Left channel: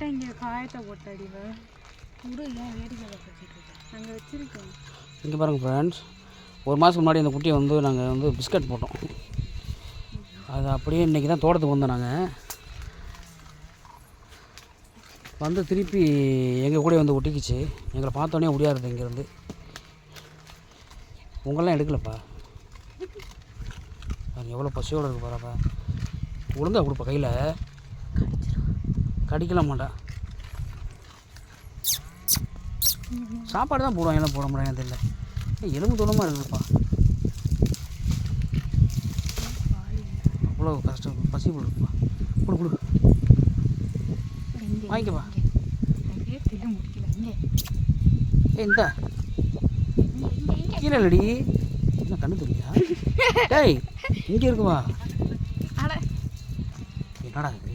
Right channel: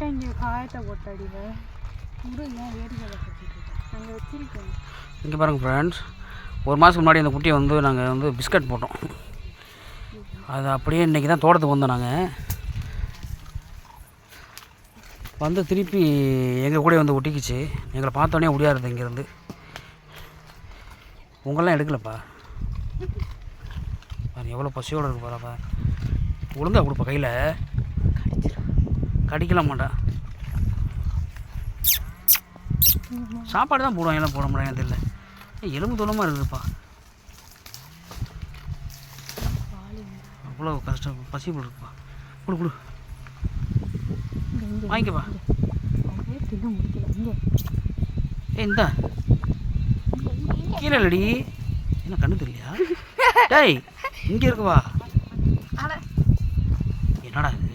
லைட்டாக இங்கே காயத்தை போட்டு அடிவேன் கூட ஏன் வேடிக்கை கட்டிட்டு நாங்கள் வச்சிருக்கோம். இங்கே பாருங்கள் ஃப்ரெண்ட்ஸ், ஒரு மாதத்துக்கு முன்னாடி அந்த குட்டியை வந்து நாங்கள் வந்து பிஸ்கட் போட்டோம். அது அப்படியே இன்றைக்கி தான் தோட்டத்துக்கு வந்தோம். நாங்கள் வந்து திருப்பி எங்கள் கூட வந்து ஒட்டிக்கிச்சு. எங்களை பார்த்தோன்னே முடியாது இங்கேருந்து. உங்களெலாம் எடுக்கலப்பா, அது எவ்வளோ பசியோடு இருக்கு பாருப்பா. ஒழுங்காக கொடுப்பா, கையில் கடிக்கலாம் மாட்டா. சாப்பாடு தான் போடுவாங்க, எல்லாம் போட முடியாது இல்லை. எலும்பு தோணமாக இருக்குதுப்பா. அவ்வளோ கஷ்டம், பசி போல் இருக்குப்பா. கொடு கொடு, வாங்கிக்கப்பா. இந்த கீழே இல்லடி, என்ன கண்ணு தெரியலையா? டேய் இங்கே இருக்குவா. என்னடா இது?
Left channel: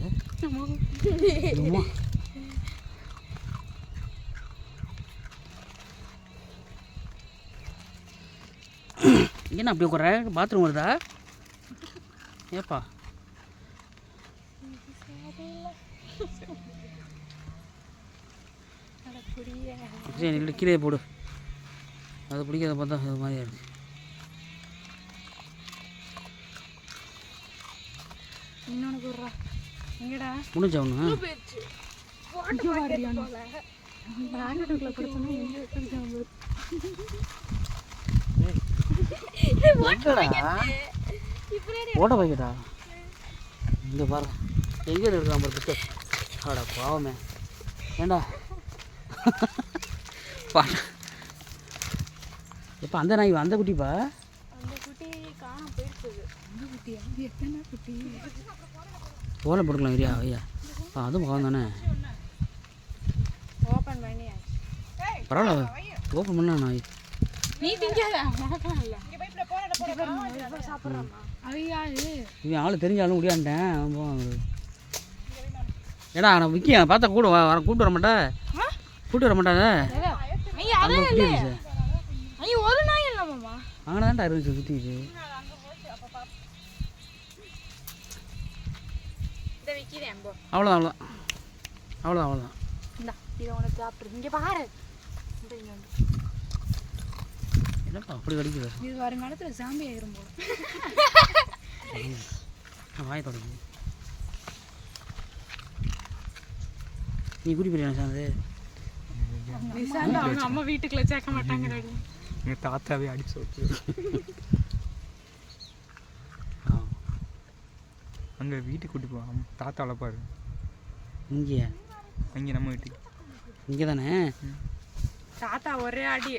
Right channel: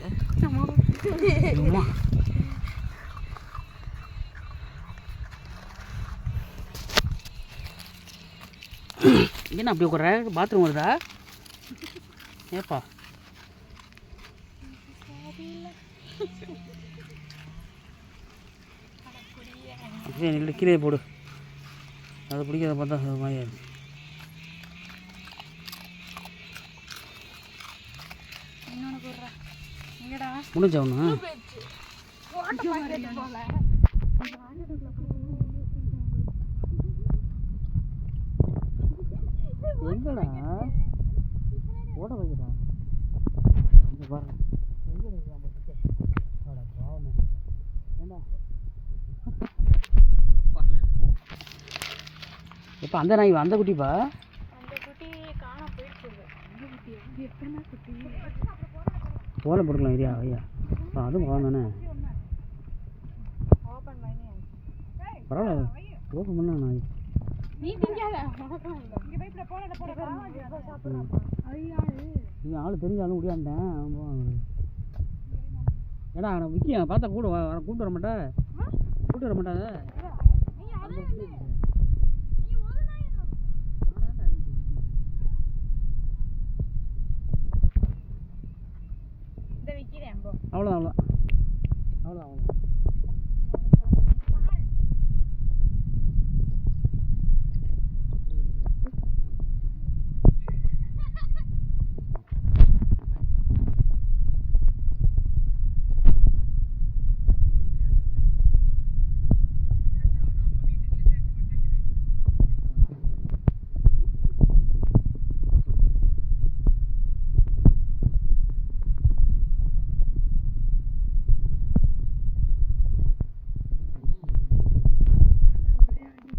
என்ன அப்படி உட்கார? பாத்ரூம் வருதா? ஏப்பா சரி, கீழே போடு. அதை பிடிக்காத பார்த்தா அது மாதிரி ஆயிடுச்சு. முடிஞ்சா ஒன்று ஓட்ட வைக்கடா. இங்கே பாரு, எங்கே இருக்கா பாரு பிஸ்கட். ஆடா பாவமே, ஏண்டா பா. இப்போ அந்த நாய் அந்த குட்டிப்பா, தோலை போட்டுக்கலாம் ஐயா. ஐயா அதுவும் பாவம் தானே. பரவாயில்ல, ஓப்பன் பண்ண நாய். இவன் ஆள் தெரிஞ்சாலும் முடியாண்டேன். ஏடா நான் விற்க பார்த்தா கூட வர கூப்பிட்டு வர மாட்டேன், கூப்பிட்டு வர மாட்டாங்க. அங்கே தான்டா இருந்துச்சு சுற்றிச்சு. அவ்வளோதான் அவ்வளோதான் அவ்வளோதான் அவ்வளோதான். என்னப்பா அப்படி கடிக்குது? இது வருங்காலத்தில் சாமி ஆயிரும். வாய் தொடங்க. நீ குடி பிரியாணி சார்ந்து அவங்க அம்மா வீட்டுக்குள்ள சேர்க்க மாட்டாங்க. எங்கள் தாத்தாவே அடிச்சு வச்சு அங்கே வீட்டுக்கு கூட்டிட்டு வா. தாத்தா வளர்ப்பாரு. இங்கே அங்கே நம்ம வீட்டுக்கு இங்கே தானே தாத்தா ஒரே அடி